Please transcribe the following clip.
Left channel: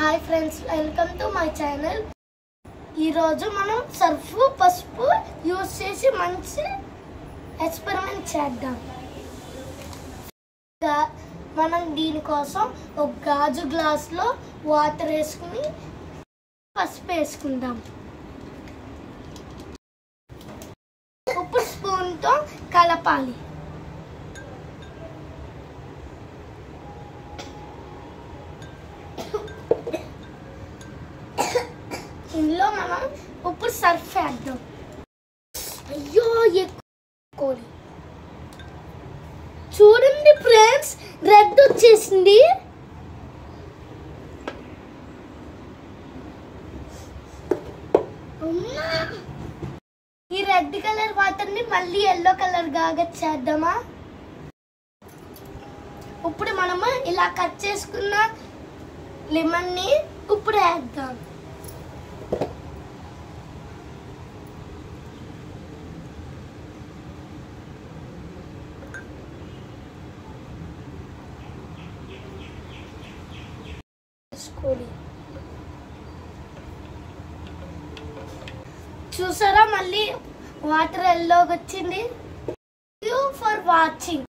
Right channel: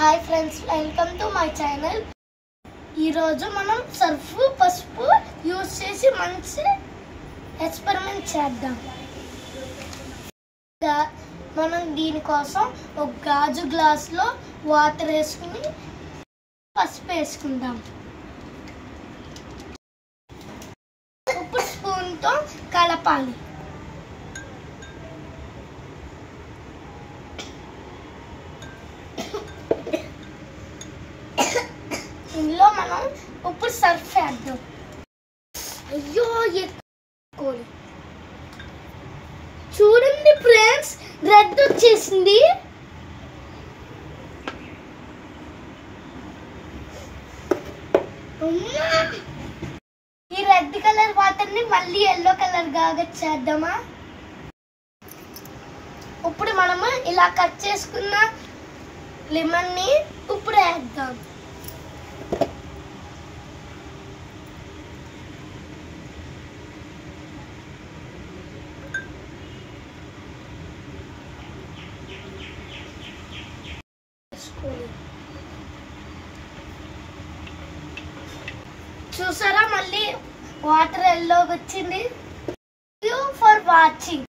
Hi friends, welcome to my channel. ఈరోజు మనం Surf పసుపు యూజ్ చేసి మంచి ఎక్స్పెరిమెంట్ చేద్దాం. మనం దీనికోసం ఒక గాజు గ్లాస్లో వాటర్ వేసుకుని పసుపు వేసుకుందాం. ఉప్పు స్పూన్తో కలపాలి. ఇందులో మనం ఉప్పు సర్ఫ్ వేద్దాం. అయ్యో ఎక్కువ చూడండి ఫ్రెండ్స్, రెడ్ వచ్చేసింది. ఈ రెడ్ కలర్ వాటర్ ని మళ్ళీ ఎల్లో కలర్ గా చేద్దామా? ఇప్పుడు మనము ఇలా కట్ చేసుకున్న లెమన్ ని ఇప్పుడు వేద్దాం. చూసారా, మళ్ళీ వాటర్ ఎల్లోకి వచ్చింది. Thank you for watching.